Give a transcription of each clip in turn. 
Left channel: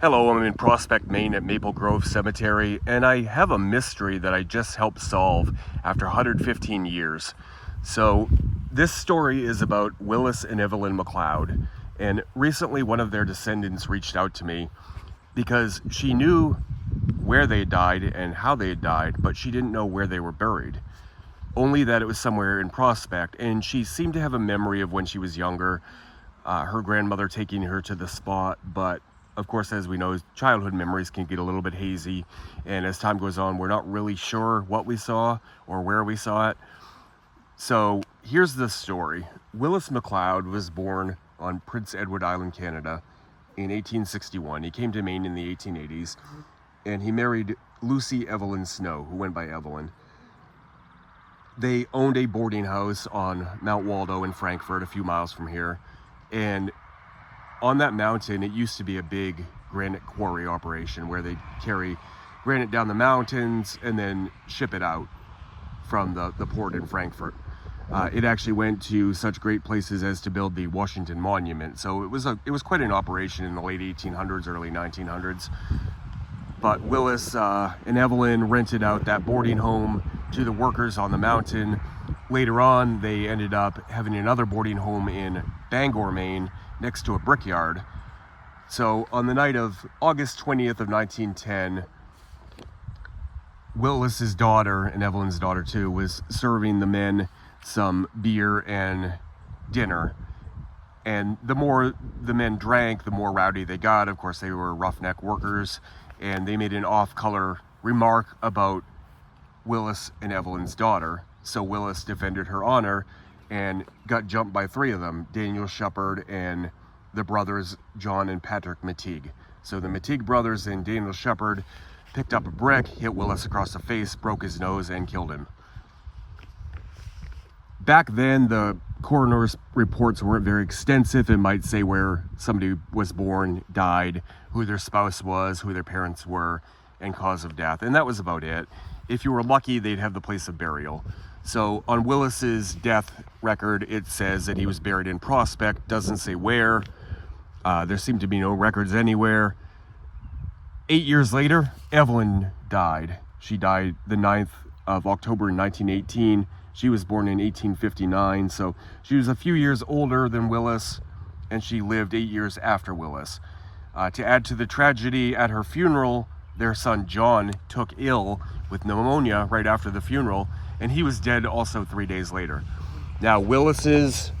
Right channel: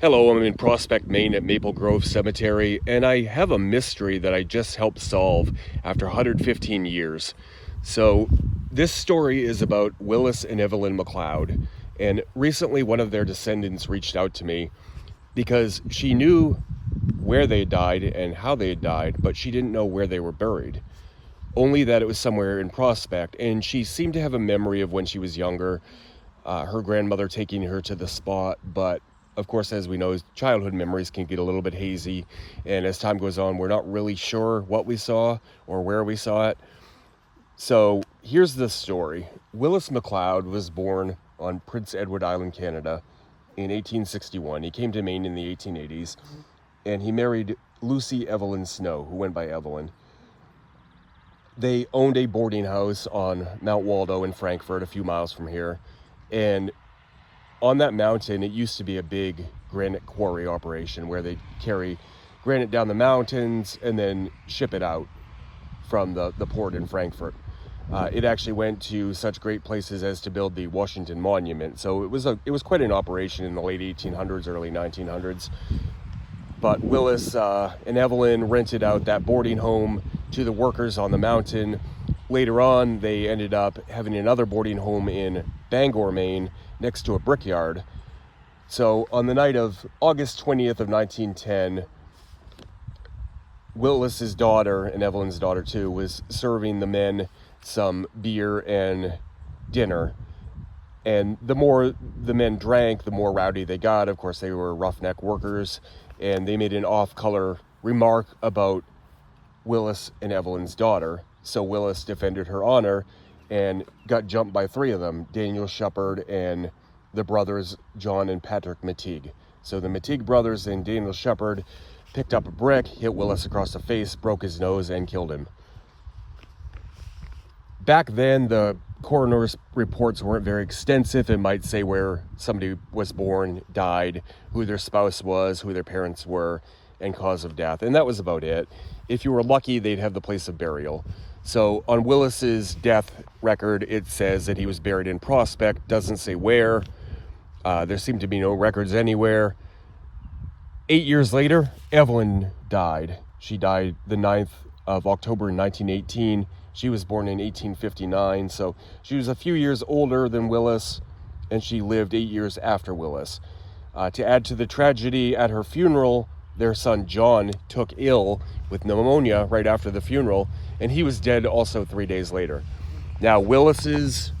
Hello, I'm in Prospect, Maine at Maple Grove Cemetery, and I have a mystery that I just helped solve after 115 years. So this story is about Willis and Evelyn McLeod, and recently one of their descendants reached out to me because she knew where they died and how they had died, but she didn't know where they were buried. Only that it was somewhere in Prospect, and she seemed to have a memory of when she was younger, her grandmother taking her to the spot, but of course, as we know, childhood memories can get a little bit hazy, and as time goes on, we're not really sure what we saw or where we saw it. So here's the story. Willis McLeod was born on Prince Edward Island, Canada in 1861. He came to Maine in the 1880s, and he married Lucy Evelyn Snow, who went by Evelyn. They owned a boarding house on Mount Waldo in Frankfort, a few miles from here, and on that mountain, it used to be a big granite quarry operation where they carry granite down the mountains and then ship it out from the port in Frankfurt. It actually went to such great places as to build the Washington Monument. So it was quite an operation in the late 1800s, early 1900s. But Willis and Evelyn rented out that boarding home to the workers on the mountain. Later on, they ended up having another boarding home in Bangor, Maine, next to a brickyard. So on the night of August 20th of 1910, Willis's daughter, and Evelyn's daughter too, was serving the men some beer and dinner. And the more the men drank, the more rowdy they got. Of course, they were roughneck workers, and they made an off-color remark about Willis and Evelyn's daughter. So Willis defended her honor and got jumped by three of them, Daniel Shepard and the brothers John and Patrick Matigue. So the Matigue brothers and Daniel Shepard picked up a brick, hit Willis across the face, broke his nose, and killed him. Back then, the coroner's reports weren't very extensive. It might say where somebody was born, died, who their spouse was, who their parents were, and cause of death. And that was about it. If you were lucky, they'd have the place of burial. So on Willis's death record, it says that he was buried in Prospect, doesn't say where. There seemed to be no records anywhere. 8 years later, Evelyn died. She died the 9th of October in 1918. She was born in 1859, so she was a few years older than Willis, and she lived 8 years after Willis. To add to the tragedy, at her funeral, their son John took ill with pneumonia right after the funeral, and he was dead also 3 days later. Now, Willis's,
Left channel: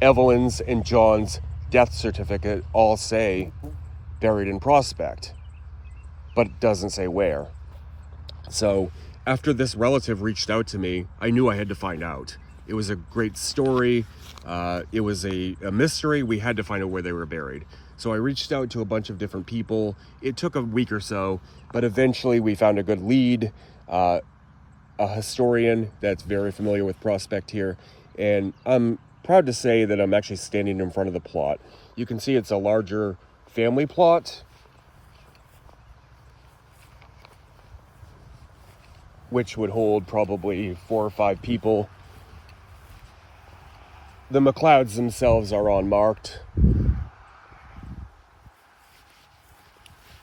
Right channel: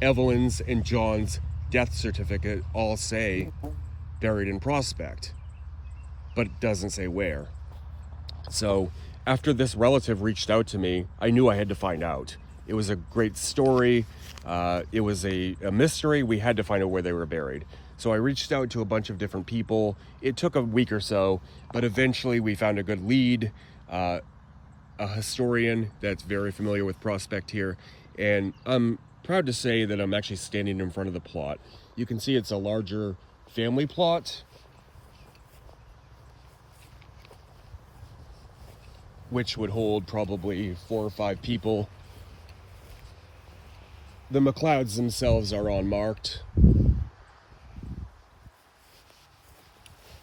Evelyn's, and John's death certificate all say buried in Prospect, but it doesn't say where. So after this relative reached out to me, I knew I had to find out. It was a great story. It was a mystery. We had to find out where they were buried. So I reached out to a bunch of different people. It took a week or so, but eventually we found a good lead, a historian that's very familiar with Prospect here. And I'm proud to say that I'm actually standing in front of the plot. You can see it's a larger family plot, which would hold probably 4 or 5 people. The McLeods themselves are unmarked,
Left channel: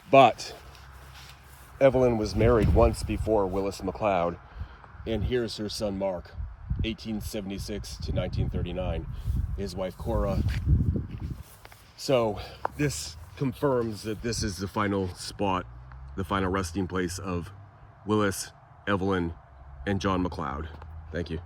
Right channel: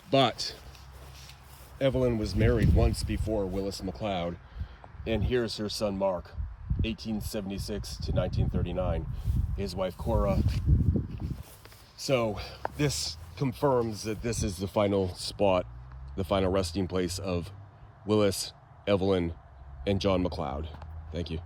but Evelyn was married once before Willis McLeod, and here's her son Mark, 1876 to 1939, his wife Cora. So this confirms that this is the final spot, the final resting place of Willis, Evelyn, and John McLeod. Thank you.